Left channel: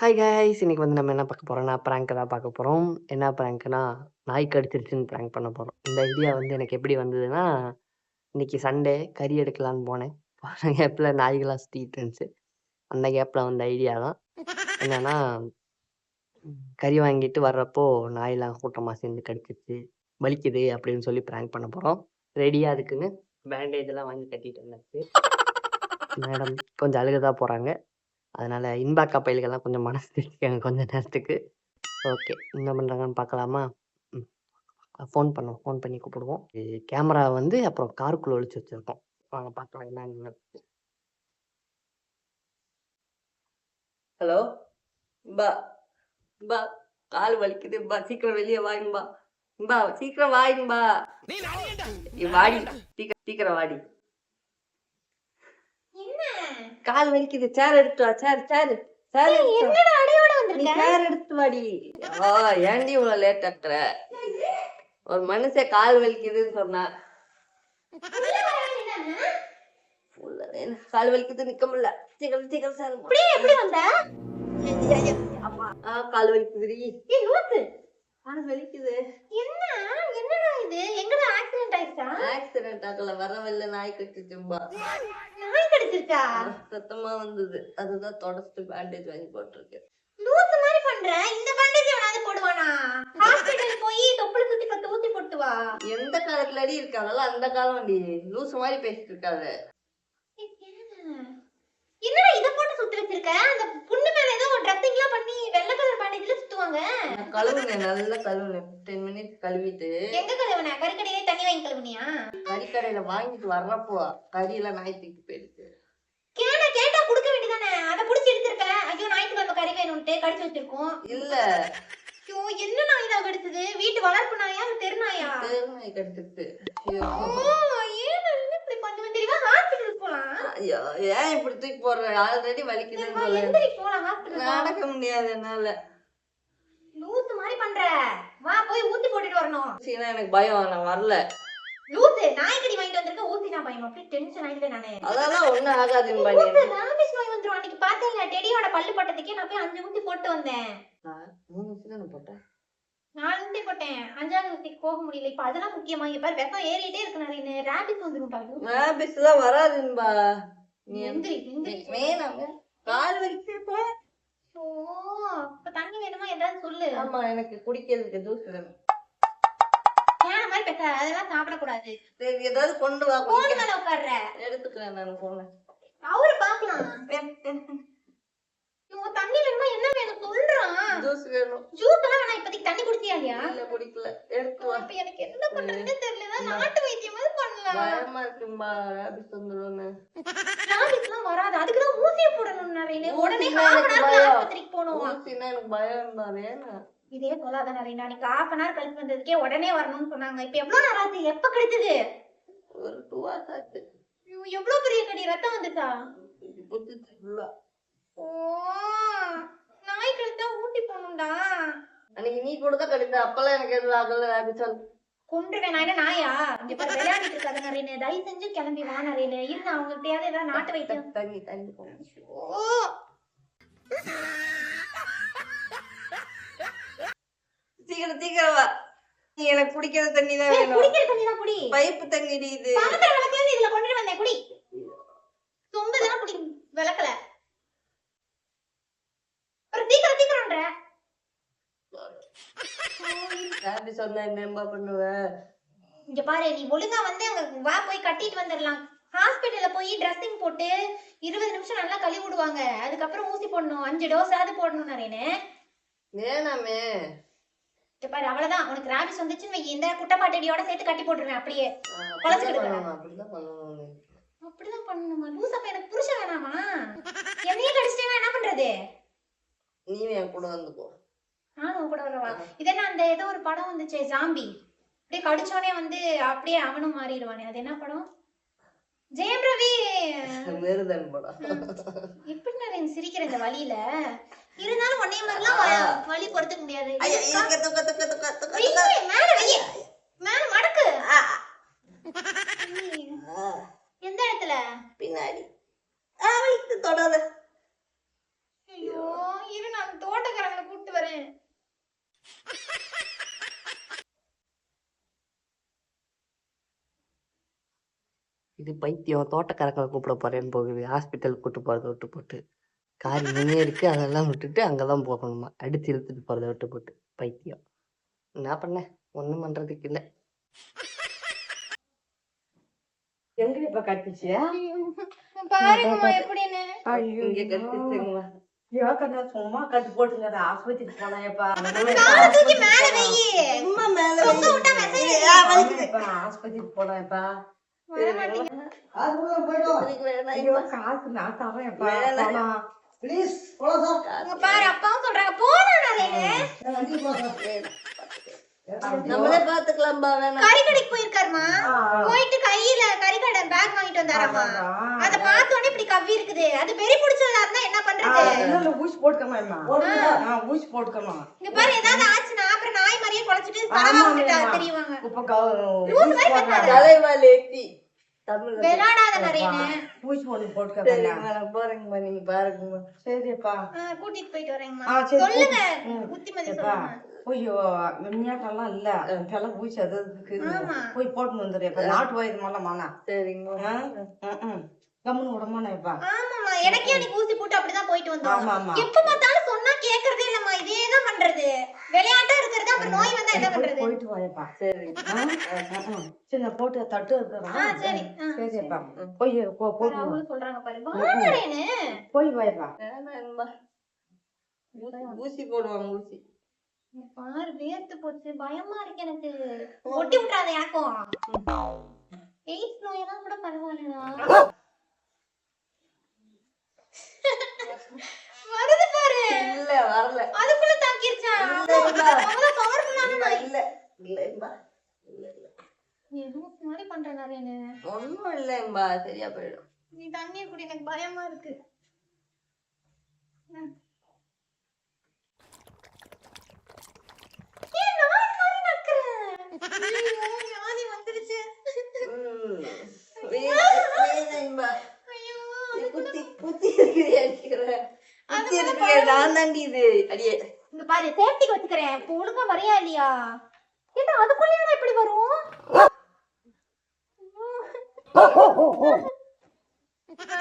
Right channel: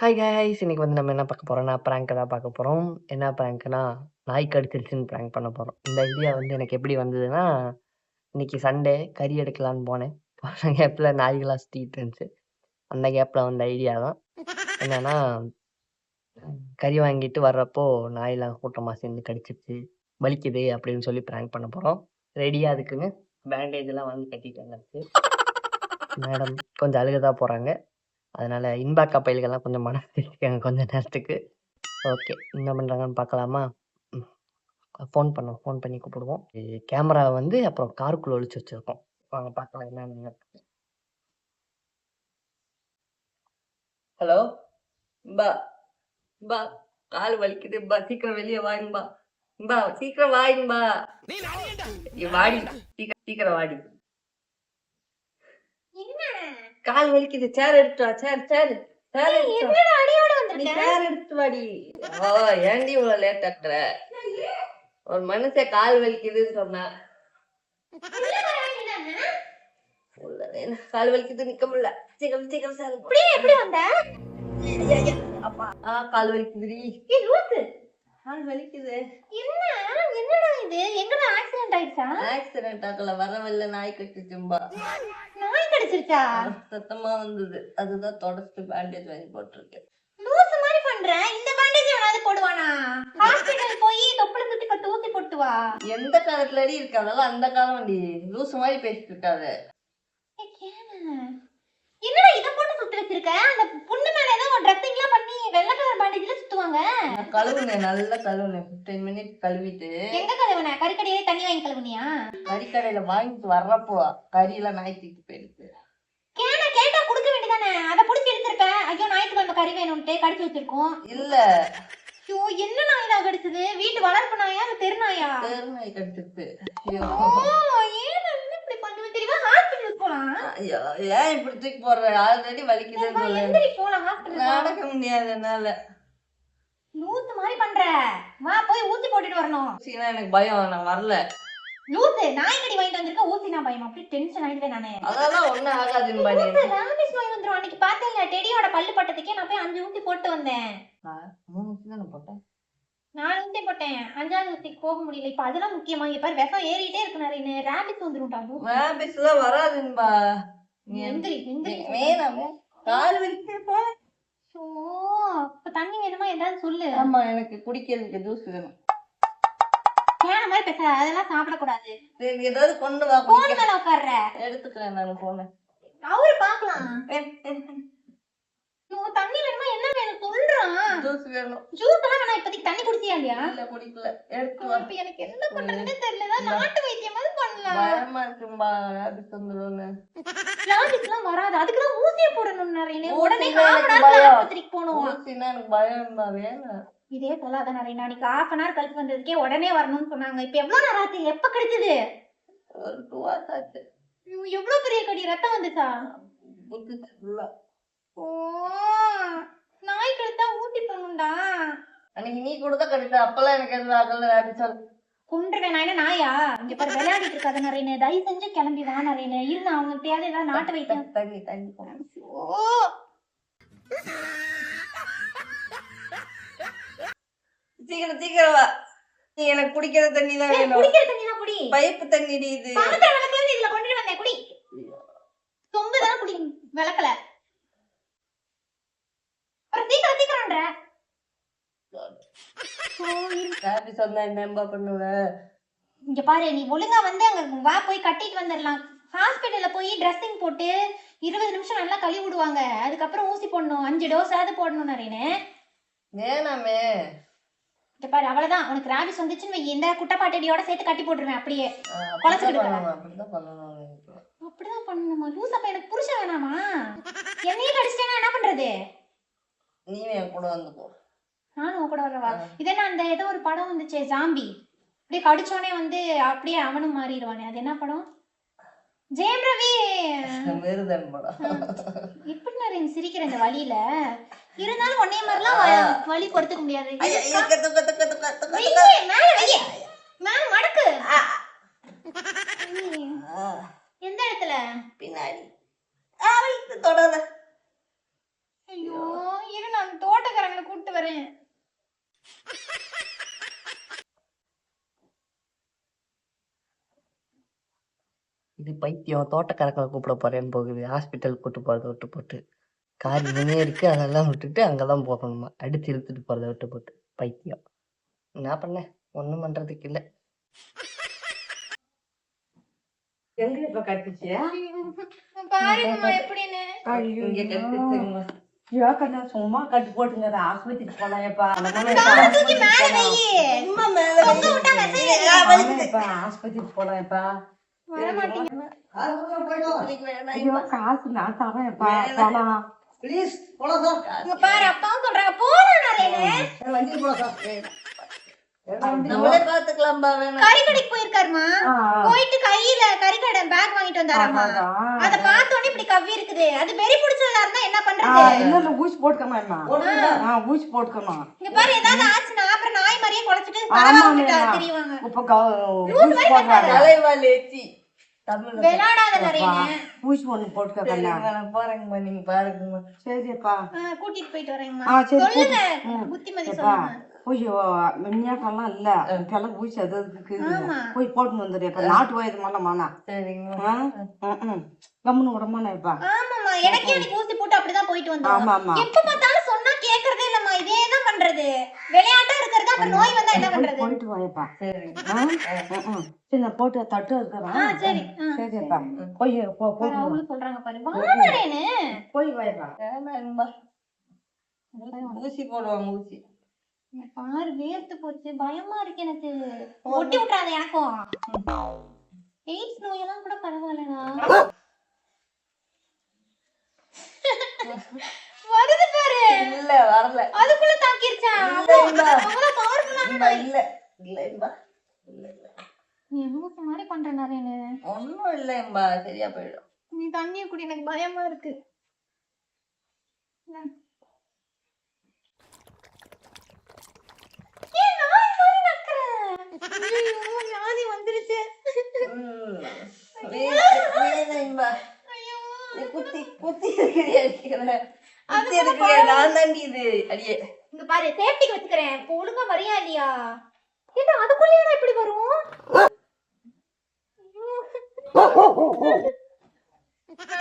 Hi guys! இன்னைக்கு வந்து நம்ம என்ன பார்க்க போறோம்னா, பிராங்க் தான் பார்க்க போறோம். என்ன பிராங்க்னா, நாய் கடிச்சிருச்சுன்னு பிராங்க் பண்ண போறோம். இந்த ஐடியா வந்து எனக்கு எப்படி வந்ததுன்னா, இன்னைக்கு சண்டே கறி எடுக்கலான்னு போனேன். போன கேப்ல நாய்கள்லாம் சுத்திக்கிட்டு இருந்துச்சு. அந்த கேப்ல வந்த ஐடியா தான். என்னன்னா, கறி வாங்கிட்டு வர்றப்போ நாயெல்லாம் கூட்டமா சேர்ந்து கடிச்சிருச்சு. வலிக்குது அப்படின்னு சொல்லி பிராங்க் பண்ண போறோம். ரெடியா அதுக்குன்னு பேண்டேஜ்லாம் வாங்கி கட்டிட்டு வந்தாச்சு. மேடம் கொஞ்சம் அழுக தான் போறாங்க. அதனால இன்பாக்கா பயல்கள்லாம் கொஞ்சம் மனசு தேத்திக்கங்க கொஞ்ச நேரத்துக்கு. ஓகே. என்ன பண்றாங்கன்னு பார்க்கலாமா? ம். ஃபோன் பண்ணி கூப்பிடுவோம். கேமரா வந்து அப்புறம் காருக்குள்ள ஒளிச்சு வச்சிருக்கோம். வாங்க பார்க்கலாம் என்னன்னு. ஹலோ! இம்பா! இம்பா! கால் வலிக்குதும்பா! சீக்கிரம் வெளிய வாயேம்பா! இம்பா! சீக்கிரம் வாயேம்பா! வாடி! சீக்கிரம் வாடி! கால் வலிக்குது. சேர் எடுத்து வா. சேர் எடுத்து வா. நீ சேர் எடுத்து வாடி. ஏன்டி இவ்வளவு லேட் ஆக்குற? ஒரு மனுஷன் கால் வலிக்குதுன்னு சொன்னா. கால் வலிக்குது நிக்க முடியல. சீக்கிரம் சேர் போடு. எப்படி வந்த? அப்பா கால் வலிக்குதுடி. கால் வலிக்குது. என்னடா இது? எங்கடா ஆக்சிடென்ட் ஆயிடுச்சா? ஆக்சிடென்ட் ஆகல, வரவில்லை, நாய் கடிச்சிச்சும்பா. நாய் கடிச்சிருச்சா? சத்தமா வந்தது. அதுதான் தொடச்சிட்டு பேண்டேஜ் வாங்கி போட்டிருக்கேன். லூசு மாதிரி பண்ற. இந்த பேண்டேஜ் எவனாவது போடுவானா? ஹாஸ்பிடல் போய் தொப்புள சுத்தி 10 ஊசி போட்டு வா. எந்த காலத்துல அடி இருக்காதல்ல, அந்த காலம் டி. லூசு மாதிரி பேசிட்டு இருக்காத. என்னடா இத போட்டு சுத்தி வச்சிருக்க? அந்த புண்ணு மேல ஏதோ ட்ரெஸ்ஸிங்லாம் பண்ணி வெள்ளை கலர் பேண்டேஜ்ல சுத்துவாங்க. கழுவுனேன், நல்லா கழுவுனேன். 15 மினிட்ஸ் கழுவிட்டு. எங்க கழுவுன? கறிக்கடையே தண்ணி வாங்கி கழுவுனியா? கறிக்கடையில வாங்கிட்டு வர்றப்போ கறியெல்லாம் நாய் தூக்கி போயிடுச்சு. கேட்டா குடுக்க வேண்டியதானே? அத புடிச்சு எடுத்துருக்க. ஐயோ ஞாயிற்றுக்கிழமை கறி வேணும்ட்டு கடிச்சு வச்சிருக்கோம். இல்ல. ஐயோ என்ன நாய் தான் கடிச்சது? வீட்டு வளர்ப்பு நாயா இல்ல தெரு நாயா? தெரு நாய் கடிச்சிட்டு. இப்படி பண்ணுவேன் தெரியுமா? ஹாஸ்பிடல் போலாம். ஐயோ ஏன் இப்படி தூக்கி போடுற? ஆல்ரெடி வலிக்குதுன்னு சொல்லு. எந்திரி போலாம் ஹாஸ்பிடல். நடக்க முடியாது என்னால. லூசு மாதிரி பண்ற. வா போய் ஊசி போட்டுட்டு வரணும். சீனா எனக்கு பயம், நான் வரல. லூசு நாய் கடி வாங்கிட்டு வந்திருக்க, ஊசி நான் பயமா? அப்படி டென்ஷன் ஆயிடுவேன் நானே. அதெல்லாம் ஒண்ணும் ஆகாதுன்னு பண்ணி. ராபிஸ் நோய் வந்துரும். அன்னைக்கு பார்த்தேன்ல டெடியோட பல்லு பட்டதுக்கே நான் போய் 5 ஊசி போட்டு வந்தேன். 3 ஊசி தானே போட்டேன். 4 ஊசி போட்டேன். 5ஆவது ஊசிக்கு போக முடியல. இப்ப அதெல்லாம் முக்கியமா? இங்க பாரு விஷம் ஏறிட்டே இருக்கு நிறைய. ராபிஸ் வந்துரும்டா. ராபிஸ் எல்லாம் வராதுன்பா. நீ எந்திரி. வேணாமே. கால் வலிக்குது போ. ஓ இப்ப தண்ணி வேணுமா ஏதாவது சொல்லு. ஆமா எனக்கு குடிக்கிறதுக்கு ஜூஸ் வேணும். வேற மாதிரி பேச, அதெல்லாம் சாப்பிட கூடாது. சரி ஏதாவது கொண்டு வா. போன் மேல உட்கார்ற. எடுத்துக்கிறேன் நான் போனேன். அவரு பாக்கலாம். தண்ணி வேணுமா என்ன வேணும் சொல்றான். ஜூஸ் வேணும். ஜூஸ் எல்லாம் வேணா, இப்போதைக்கு தண்ணி குடிச்சியா இல்லையா? இல்ல குடிக்கல. எடுத்து வா. இப்ப எனக்கு என்ன பண்றதுன்னு தெரியல. நாட்டு வைத்தியம் மாதிரி பண்ணலாம். பயமா இருக்கும்பா ராபிஸ் வந்துரும்னு. ராபிஸ்லாம் வராது. அதுக்கு தான் ஊசியை போடணும் நிறைய. உடனே ஆஸ்பத்திரிக்கு போணும். ஊசினா எனக்கு பயம்டா. வேணாம். இதே சொல்லாத நிறைய. அன்னைக்கு 1/2 hour கழிச்சு வந்ததுக்கே உடனே வரணும்னு சொன்னாங்க. இப்ப எவ்வளவு நேரம் ஆச்சு? எப்ப கிடைச்சது? ஒரு 2 hours ஆச்சு. எவ்வளவு பெரிய கடி? ரத்தம் வந்துச்சா? புத்துச்சு ஃபுல்லா. ஓ நாய் கடிச்சா ஊட்டி போகணும்டா. அன்னைக்கு நீ கூட தான் கடிச்ச. அப்பெல்லாம் எனக்கு எதுவும் ஆகல. ராபிஸால் கொன்றுவேன். நான் என்ன நாயா? இங்க பாரு விளையாடிட்டு இருக்காத நிறைய. தயவு செஞ்சு கிளம்பி வா நிறைய. இருந்து அவங்க எப்படியாவது ஏதாவது நாட்டு வைத்தியம். தண்ணி போகணும். சீக்கிரம் வா. நீ எனக்கு குடிக்கிற தண்ணி தான் வேணும். குடிக்கிற தண்ணி தான் குடி. பைப்பு தண்ணி இது. பாத்திர விளக்கல இதுல கொண்டு வந்தேன் குடி. சொம்பு தான் குடி. விளக்கல. அப்புறம் சீக்கிரம்ன்ற. ராபி சொன்னா என்னம்பா பண்ணுவ? இங்க பாரு நீ ஒழுங்கா வந்து அங்க வா போய் கட்டிட்டு வந்துடலாம். ஹாஸ்பிடல்ல போய் ட்ரெஸ்ஸிங் போட்டு 20 நிமிஷம் நல்லா கழுவி விடுவாங்க. அதுக்கப்புறம் ஊசி போடணும். 5 டோஸாவது போடணும் நிறைய. வேணாமே. இங்க பாரு அவ்வளவுதான். உனக்கு ராபிஸ் வந்துச்சுன்னு இந்த குட்டப்பாட்டடியோட சேர்த்து கட்டி போட்டுருவேன். அப்படியே குழச்சிடுவேன். அப்படிதான் பண்ணணும். அப்படிதான் பண்ணணுமா? லூஸ் அப்ப எனக்கு புருஷன் வேணாமா? என்னையே கடிச்சிட்டேன்னா என்ன பண்றது? நீ என் கூட வந்துக்கோ. நானும் கூட வரவா? இதென்ன அந்த ஏதோ ஒரு படம் வந்துச்சு ஜாம்பி. அப்படியே கடிச்சோனே வந்து அப்படியே அவனும் மாறிடுவானே. அது என்ன படம்? ஜெயம் ரவி வேறுதன் படம். இப்படி நான் சிரிக்கிறேன் இந்த வழியில. இருந்தாலும் ஒன்னே மாதிரிலாம் வலி பொறுத்துக்க முடியாது. மேல மடக்கு. எந்த இடத்துல? பின்னாடி. தொடாத. ஐயோ இரு நான் தோட்டக்காரங்களை கூப்பிட்டு வரேன். இது பைத்தியம் தோட்டக்காரங்களை கூப்பிட போறேன்னு போகுது. ஹாஸ்பிட்டல் கூட்டு போறத விட்டு போட்டு. கார் இங்கனே இருக்கு. அதெல்லாம் விட்டுட்டு அங்கதான் போகணுமா. அடிச்சு இழுத்துட்டு போறத விட்டு போட்டு. பைத்தியம். என்ன பண்ண? ஒண்ணும் பண்றதுக்கு இல்ல. எங்க இப்ப கட்டுச்சு? பாருங்கம்மா எப்படின்னு. இங்க கட்டுச்சுங்களா? ஏக்கண்ணா சும்மா கட்டு போட்டுங்க ஆஸ்பத்திரிக்கு போனாயப்பா. தூக்கி மேல வையி. சும்மா மேல தொங்க விட்டா விசையில ஆஸ்பத்திரிக்கு போனாயப்பா. வர மாட்டீங்க. ஐயோ காசு நான் தரேன்ப்பா. போலாம் ப்ளீஸ் போலாம். இங்க பாரு அப்பாவும் சொல்றாங்க போலாம் நாரேனே. நம்மளே பாத்துக்கலாம்பா. வேணாம் கறி கடைக்கு போயிருக்காருமா. போயிட்டு கையில கறி கடை பேக் வாங்கிட்டு வந்தாராமா. அத பார்த்த உடனே இப்படி கவ்வி இருக்குது. அது வெறி புடிச்சவளா இருந்தா என்ன பண்றது? இன்னொரு ஊசி போட்டுக்கமா. ஊசி போட்டுக்கமா. இங்க பாரு ஏதாவது ஆச்சுனா அப்புறம் நாய் மாதிரியே குலைச்சிட்டு பரவாயில்லை தெரியுவாங்க. இப்ப லூஸ் மாதிரி பேசாத. தலைவால் ஏத்தி தமிழ் விளையாடாத நாரேனே. ஊசி ஒண்ணு போட்டுக்கமா. போறேங்கம்மா நீங்க பாருங்கம்மா. சரிப்பா கூட்டிட்டு போயிட்டு வரேங்கம்மா. சரி, சொல்லுங்க புத்திமதி சொல்லுங்க. ஐயோ மின்னியாட்டெல்லாம் இல்ல இப்பெல்லாம் ஊசி அது ஆமா. போய் போட்டு வந்துடு. இப்ப நாட்டு வயது மேலமாண்ணா. சரிங்கம்மா. கம்முன்னு விடமாண்ணா இப்ப. ஆமாம்மா எனக்கே அன்னைக்கு ஊசி போட்டு அப்படிதான் போயிட்டு வந்தோம். ஆமா ஆமா எப்ப பார்த்தாலும் சொன்னா கேக்குறதே இல்லம்மா. இதே தான் பண்றது. விளையாட்டா இருக்கிறது அப்புறம் நோய் வந்தா என்ன பண்றது? போயிட்டு வாயப்பா. சரி சரி நான் போட்டு தட்டு இருக்கிறேன். சரி சரிப்பா போய் போய் அவங்க சொல்றாங்க பாரு வாடறேன்னு. போய் வாயப்பா. ஊசி போடுவாங்க ஊசி. பாரு வேர்த்து போச்சு பயமா இருக்கு எனக்கு. ஒட்டி விட்டுறாத எனக்கும். எய்ட்ஸ் நோயெல்லாம் கூட பரவாயில்லடா. வருது பாரு. இல்ல வரல. அதுக்குள்ள தாக்கிருச்சா? இல்ல இல்ல இல்ல நீ லூசு மாதிரி பண்ற நாரேனே. ஒண்ணும் இல்லைம்பா சரியா போயிடும். நீ தண்ணிய குடி எனக்கு பயமா இருக்கு. வியாதி வந்துருச்சு. குத்தி குத்தி இருக்கிற நான் தாண்டி இது அடியே. இங்க பாரு சேஃப்டிக்கு வச்சுக்கிறேன். இப்போ ஒழுங்கா வரியா இல்லையா? ஏன்னா அதுக்குள்ளேயே எப்படி வரும்?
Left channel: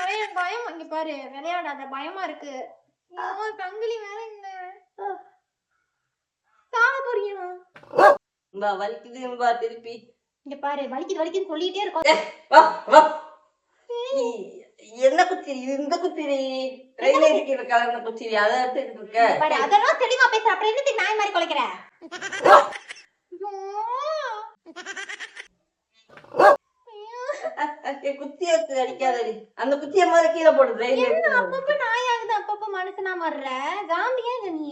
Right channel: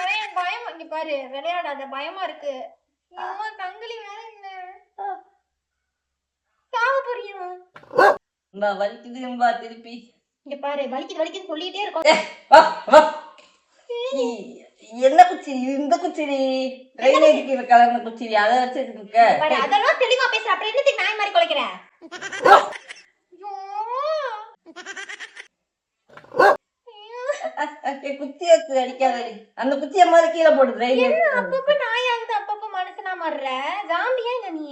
நிறைய பயம். இங்க பாரு விளையாடாத பயமா இருக்கு. தங்களி வேற இல்ல சாக போறியா? வலிக்குதும்பா திருப்பி. இங்க பாரு வலிக்குது வலிக்குது சொல்லிட்டே இருக்கோம். என்ன குச்சிரி இந்த குச்சிரி ரயில் இருக்கிற கலர்ன குச்சிரி அதை வச்சுட்டு இருக்க. அதெல்லாம் தெளிவா பேச. அப்புறம் என்னத்துக்கு நாய் மாதிரி குலைக்கிற? குச்சி வச்சு அடிக்காதடி. அந்த குச்சிய மாதிரி கீழே போடுது. அப்பப்ப நாய் ஆகுது அப்பப்ப மனுஷனா மாறுற. ஜாம்பியா இல்ல நீ?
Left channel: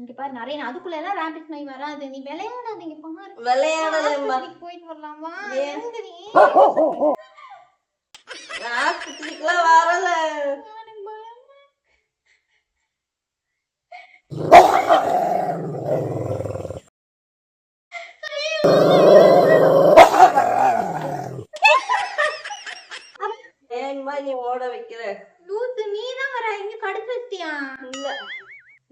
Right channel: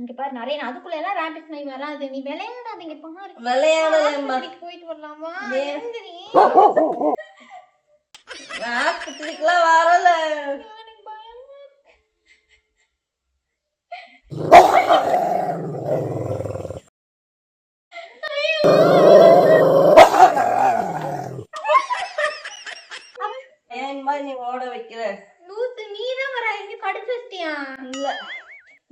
இங்க பாரு நிறைய அதுக்குள்ள எல்லாம் ரேபிட் நாய் வராது. நீ விளையாடாதீங்க பாரு. விளையாடாதேம்மா. போயிட்டு வரலாமா? ஆஸ்பத்திரிக்குலாம் வரல. ஏன்பா நீ ஓட வைக்கிற? லூசு நீதான் வர. இங்க கடிச்சு வச்சிட்டியா? இல்ல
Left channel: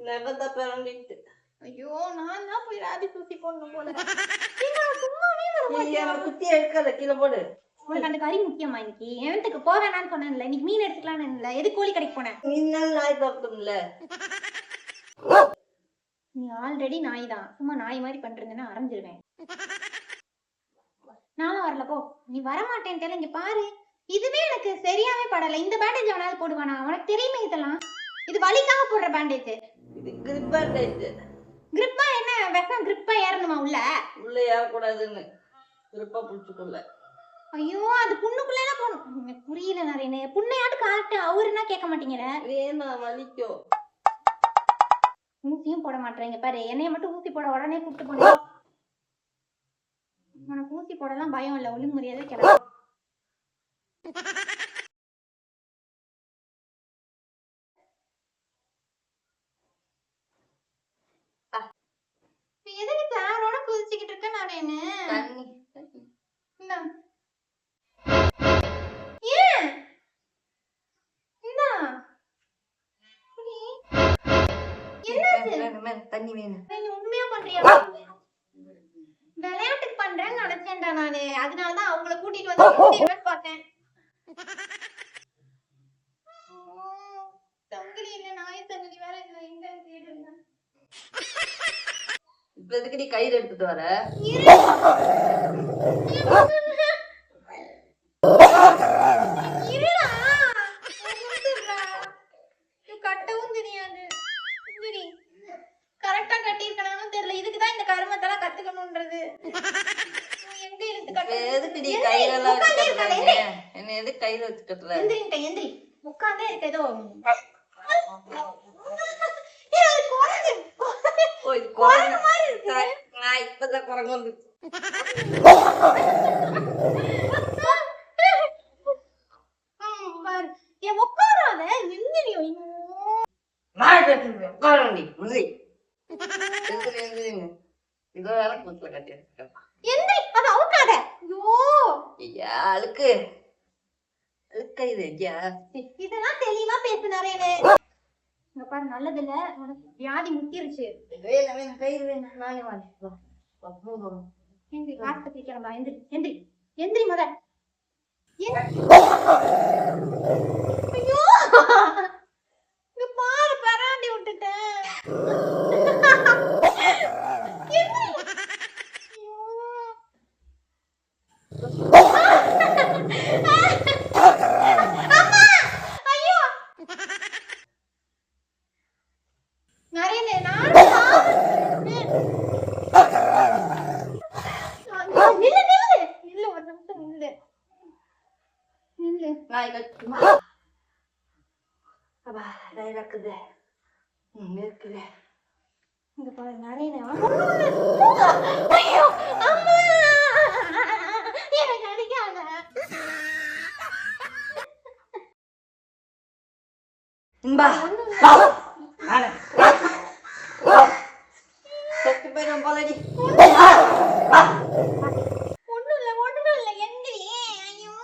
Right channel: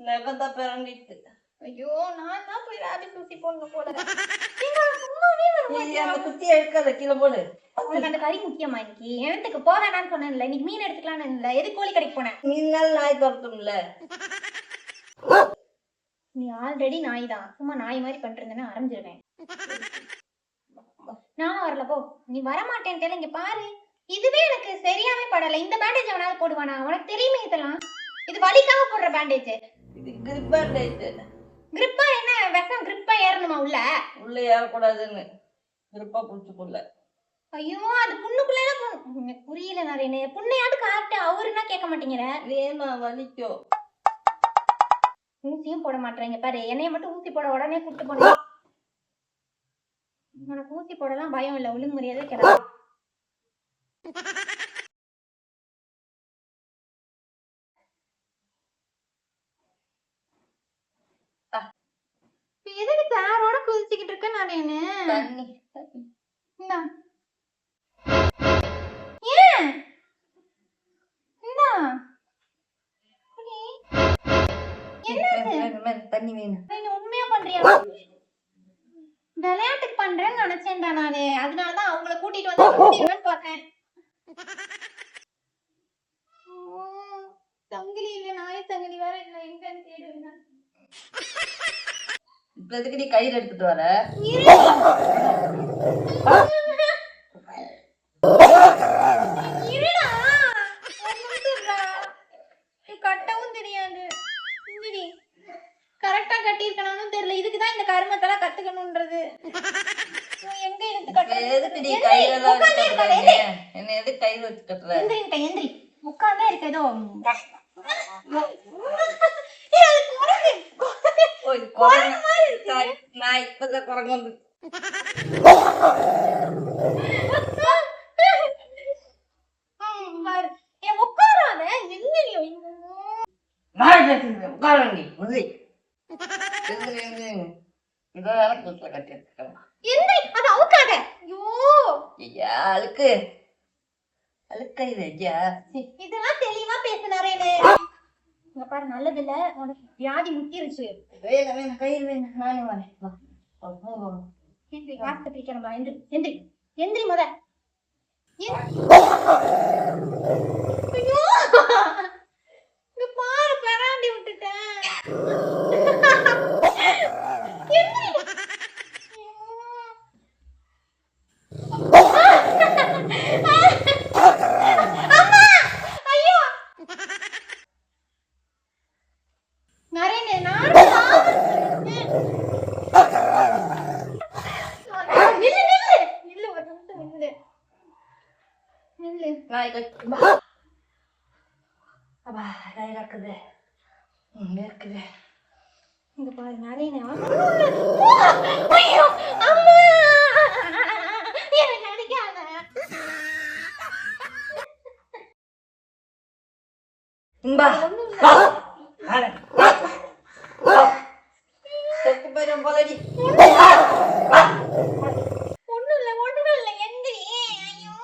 நெகத்த பிறண்டிட்டு. ஐயோ நான் தான் போய் ரேபிட் ஊசி போடணும் போல. சும்மாவே அந்த குச்சியை எடுக்கல கீழே போடு. உனக்கு அந்த கறி முக்கியமா? இன்னைக்கு எவத்துக்கு போக வேணான்னு சொன்னேன்ல. இன்னைக்கு மீன் எடுத்துக்கலான்னு இல்ல. எது கோழி கடைக்கு போனேன். மீன் நாய் துரத்தும்ல. நீ ஆல்ரெடி நாய் தான். சும்மா நாய் மாதிரி பண்றதுன்னா அரைஞ்சிருவேன். நானும் வரல போ. நீ வரமாட்டேன்ட்டு இங்க பாரு. இதுவே எனக்கு சரியாவே படல. இந்த பேண்டேஜ் அவனால போடுவானா? உனக்கு தெரியுமே இதெல்லாம். இது வலிக்காக போடுற பேண்டேஜ். இது கிரிப் பேண்டேஜ். கிரிப்பா என்ன விஷம்? கிரிப்பா ஏறணுமா உள்ள? உள்ள ஏறக்கூடாதுன்னு கிரிப்பா புடிச்சுக்குள்ள. ஐயோ அது புண்ணுக்குள்ள எல்லாம் போகணும். எனக்கு புரியல நாரேனே. புண்ணையாவது காட்டு. அவருன்னா கேட்க மாட்டேங்கிற. வேணா வலிக்கும். ஊசியும் போட மாட்டேங்க பாரு. என்னைய மட்டும் ஊசி போட உடனே கூப்பிட்டு போன. உனக்கு ஊசி போடலாம் பயம் இல்ல. ஒழுங்கு மரியாதை கிளம்ப. எதுக்கு தாரோட குதிச்சுக்கிட்டு இருக்க நாரேனே? தண்ணி தண்ணி வேணும். நீ உண்மையா பண்றியா? விளையாட்டுக்கு பண்றேன்னு நினைச்சேன்டா நானு. அதனாலதான் அவங்கள கூட்டிட்டு வந்து கூட்டிடுவேன்னு பார்த்தேன். சங்கிலி இல்ல, நாய் சங்கிலி வேற இல்ல, எங்கன்னு தேடுங்க. இப்ப எதுக்கு நீ கயிறு எடுத்துட்டு வர? கட்டவும் தெரியாது. கரெக்டா கட்டியிருக்கணும் தெரியல. இதுக்குதான் இந்த கருமத்தெல்லாம் கத்துக்கணும்ன்றது. எங்க இழுத்து கட்ட? எதுக்கு நீ கயிறெல்லாம் வச்சு கட்டுற? என்ன எதுக்கு கயிறு வச்சு கட்டுற? எந்திரிட்ட எந்திரி. உட்கார்ந்தே இருக்கு ஏதோ. நான் இப்பதான் குரங்கு வந்து உட்காராத எந்திரியோ. நான் பேசுறேன். உட்காரண்டி உறுதி. இதோ வேலை கூத்துல கட்டி வச்சுக்கலாம். எந்திரி, அதை அவுக்காத. ஐயோ ஐயா அழுக்கு அழுக்கயிறு ஐயா. இதெல்லாம் தெளிவா பேசுனாரேனே. இங்க பாரு, நல்லது இல்ல, உனக்கு வியாதி முத்திருச்சு. வேலை வேணும், கயிறு வேணும். நானே வரேன். எந்திரி, ஹாஸ்பிட்டல் கிளம்பலாம். எந்திரி எந்திரி எந்திரி முத. ஐயோ இங்க பாரு, பராண்டி விட்டுட்டேன். நாய் கட்டுமா? அப்பா நாய் இருக்குது. இருக்குது. இங்க பாரு, நிறைய ஐயோ அம்மா எனக்கு அடிக்காத. இன்பா செத்து போயிடும் போலடி. ஒண்ணும் இல்ல எந்திரி. ஐயோ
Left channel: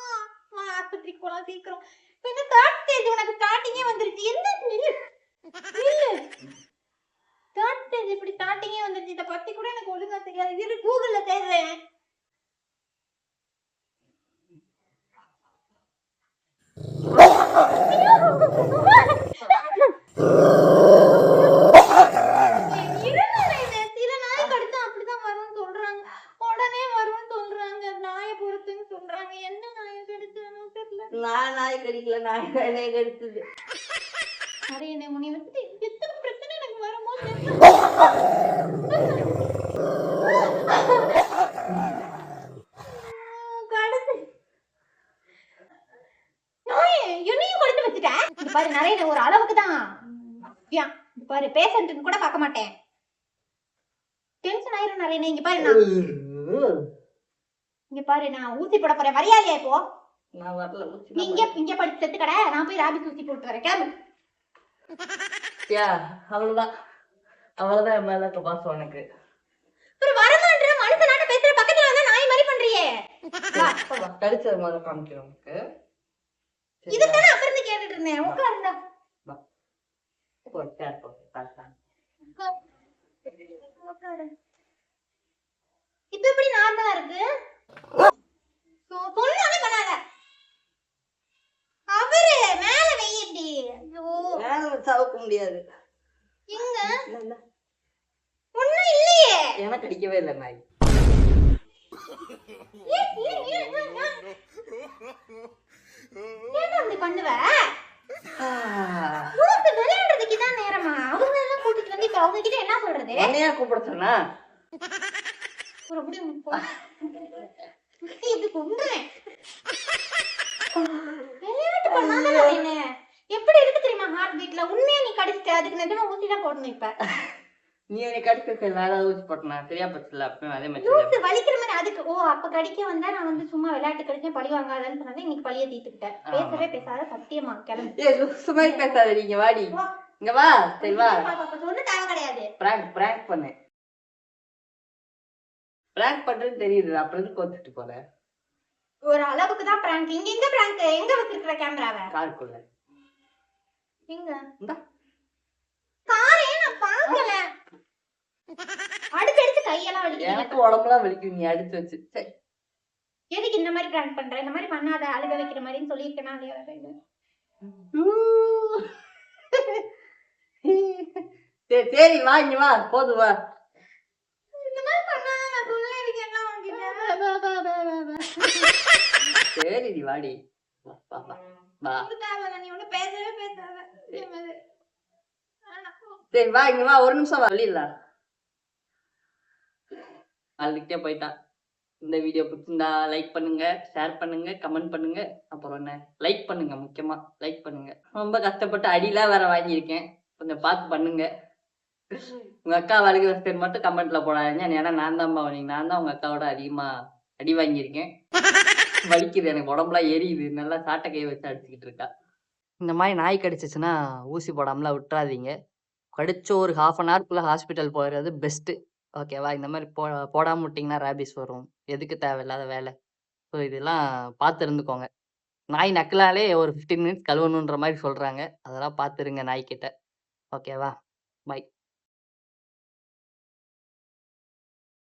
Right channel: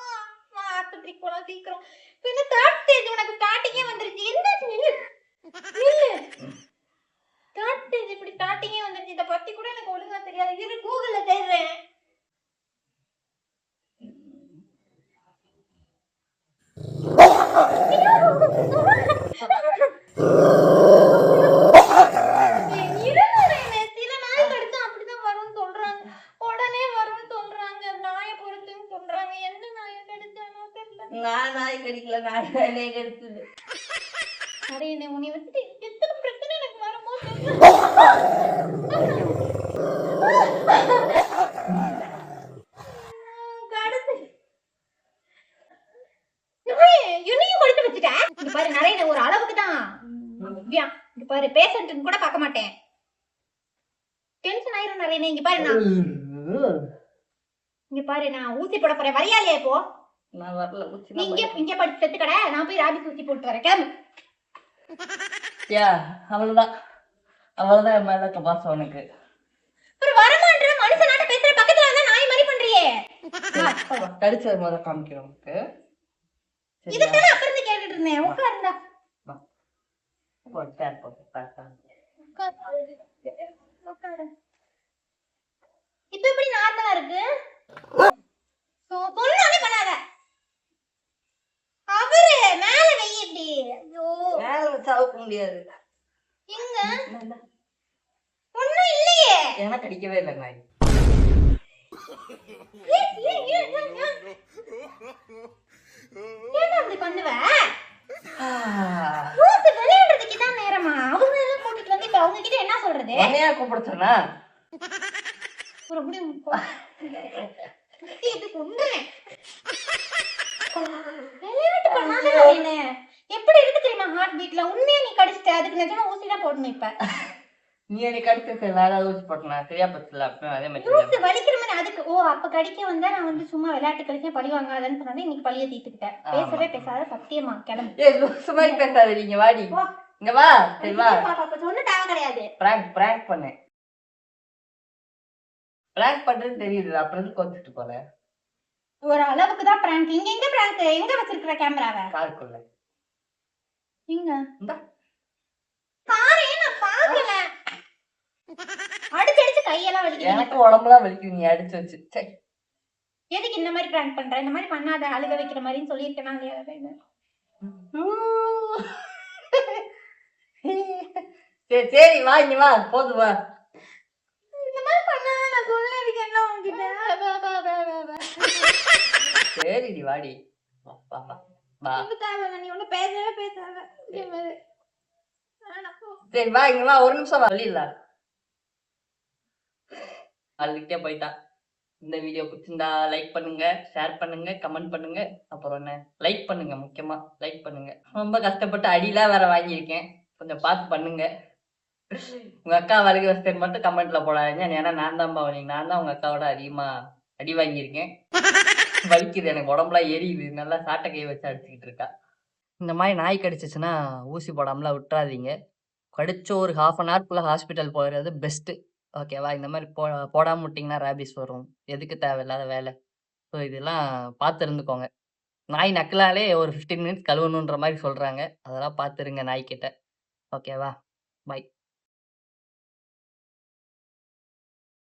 ஆஸ்பத்திரி போலாம் சீக்கிரம். இப்ப என்ன தேர்ட் ஸ்டேஜ், உனக்கு ஸ்டார்டிங்கே வந்துருச்சு. எந்திரிச்சு நில்லு நில்லு. தேர்ட் ஸ்டேஜ் இப்படி ஸ்டார்டிங்கே வந்துருச்சு. இதை பத்தி கூட எனக்கு ஒழுங்கா தெரியாது. இரு கூகுள்ல தேடுறேன். நான் நாய் கடிக்கல, நாய் வேலையை கடிச்சது. அரே என்ன உன்னை வச்சுட்டு எத்தனை பிரச்சனை எனக்கு வருமோ. என்னையும் கொடுத்து வச்சுட்டேன். இங்க பாரு, நிறைய ஒரு அளவுக்கு தான். இங்க பாரு, பேஷண்ட்டுன்னு கூட பார்க்க மாட்டேன். டென்ஷன் ஆயிரும் நிறைய. இங்க பாரு, நான் ஊசி போட போறேன். வரியா இல்லையா இப்போ? நான் வரல. இங்க படிச்சு செத்து கடை. நான் போய் ராபி ஊசி போட்டு வரேன். கிளம்பு. அவ்வளவுதான் என் மேல பாசம் உனக்கு. ஒரு வரமான்ற மனுஷனாட்ட பேசுற, பக்கத்துல வந்தா நாய் மாதிரி பண்றியே. கடிச்சது முதல்ல காமிக்கிறேன் உனக்கு. இதுதானே அப்புறம் இருந்து கேட்டுட்டு இருந்தேன். உட்காருந்தா இப்ப எப்படி நார்மலா இருக்கு? சொன்னாலே பண்ணாத. அவரு மேல வெயி இப்படி. ஐயோ மேல வச்சாவுக்க முடியாது. எங்க ஒண்ணும் இல்லையே. எனக்கு அடிக்கவே இல்லை நாய். என்ன அப்படி பண்ணுவ? விளையாடுறதுக்கு தான் நேரமா? அவங்க எல்லாம் கூட்டிட்டு வந்து இப்ப அவங்க கிட்ட என்ன சொல்றது? என்னையா கூப்பிட சொன்னா? இதுக்கு உண்மை விளையாட்டு பண்ணாத. எப்படி இருக்கு தெரியுமா ஹார்ட் பீட்ல? உண்மையா நீ கடிச்சிட்ட, அதுக்கு நிஜமா ஊசி தான் போடணும். இப்ப நீ எனக்கு கடிச்சு வேற ஊசி போட்டனா சரியா பச்சல. அப்ப அதே மாதிரி ஊசி வலிக்கிற மாதிரி அதுக்கு. ஓ அப்ப கடிக்க வந்தா நான் வந்து சும்மா விளையாட்டு கடிச்சேன், பழி வாங்காதன்னு சொன்னேன். இன்னைக்கு பழிய தீர்த்துக்கிட்டேன். பேசவே பேசாத, சத்தியமா கிளம்பு. சும்மா பேசாத. நீங்க வாடி, இங்க வா. சரி வா. சொன்ன தேவை கிடையாது. பிராங்க் பண்ணு. பிராங்க் பண்றது தெரியுது, அப்புறம் கோச்சிட்டு போற. ஒரு அளவுக்கு தான் பிராங்க். இங்க எங்க பிராங்க்? எங்க வச்சிருக்கிற கேமராவை? காருக்குள்ள. எங்க? இந்த காரே நான் பார்க்கல. கையெல்லாம் வலிக்குது. எனக்கு உடம்புலாம் வலிக்குது நீ அடிச்சு வச்சு. சரி. எதுக்கு இந்த மாதிரி பிராங்க் பண்ற? இந்த மாதிரி பண்ணாத, அழுக வைக்கிற மாதிரின்னு சொல்லியிருக்கேனா இல்லையா? சரி சரி வா இங்க வா போதும் வா. இந்த மாதிரி பண்ணாத நான் சொல்லியிருக்கேன் உன்கிட்ட. சரி டி வாடி வா வா வா வா. எனக்கு தேவையில்ல, நீ ஒன்னும் பேசவே பேசாத. சரி வா இங்க வா ஒரு நிமிஷம் வா வெளியில அழுதுகிட்டே போயிட்டா. இந்த வீடியோ பிடிச்சிருந்தா லைக் பண்ணுங்க, ஷேர் பண்ணுங்க, கமெண்ட் பண்ணுங்க. அப்புறம் என்ன லைக் பண்ணுங்க, முக்கியமா லைக் பண்ணுங்க. ரொம்ப கஷ்டப்பட்டு அடிலாம் வேற வாங்கியிருக்கேன், கொஞ்சம் பார்த்து பண்ணுங்க. உங்க அக்கா வலிக்கு வசதி மட்டும் கமெண்ட்ல போடாதீங்க. ஏன்னா நான் தான் உங்க அக்காவோட அதிகமா அடி வாங்கியிருக்கேன். வலிக்குது எனக்கு, உடம்புலாம் எரியுது. நல்லா சாட்டை கை வச்சு அடிச்சுக்கிட்டு இருக்கா. இந்த மாதிரி நாய் கடிச்சிச்சுன்னா ஊசி போடாமலாம் விட்டுறாதீங்க. கடிச்ச ஒரு 1/2 அன் ஹவர்க்குள்ள ஹாஸ்பிட்டல் போயிடுறது பெஸ்ட்டு. ஓகேவா? இந்த மாதிரி போடாமல் விட்டிங்கன்னா ரேபிஸ் வரும். எதுக்கு தேவையில்லாத வேலை. ஸோ இதெல்லாம் பார்த்து இருந்துக்கோங்க. நாய் நக்கலாலே ஒரு 15 மினிட்ஸ் கழுவணுன்ற மாதிரி சொல்கிறாங்க. அதெல்லாம் பார்த்துருங்க நாய்க்கிட்ட. ஓகேவா? பை.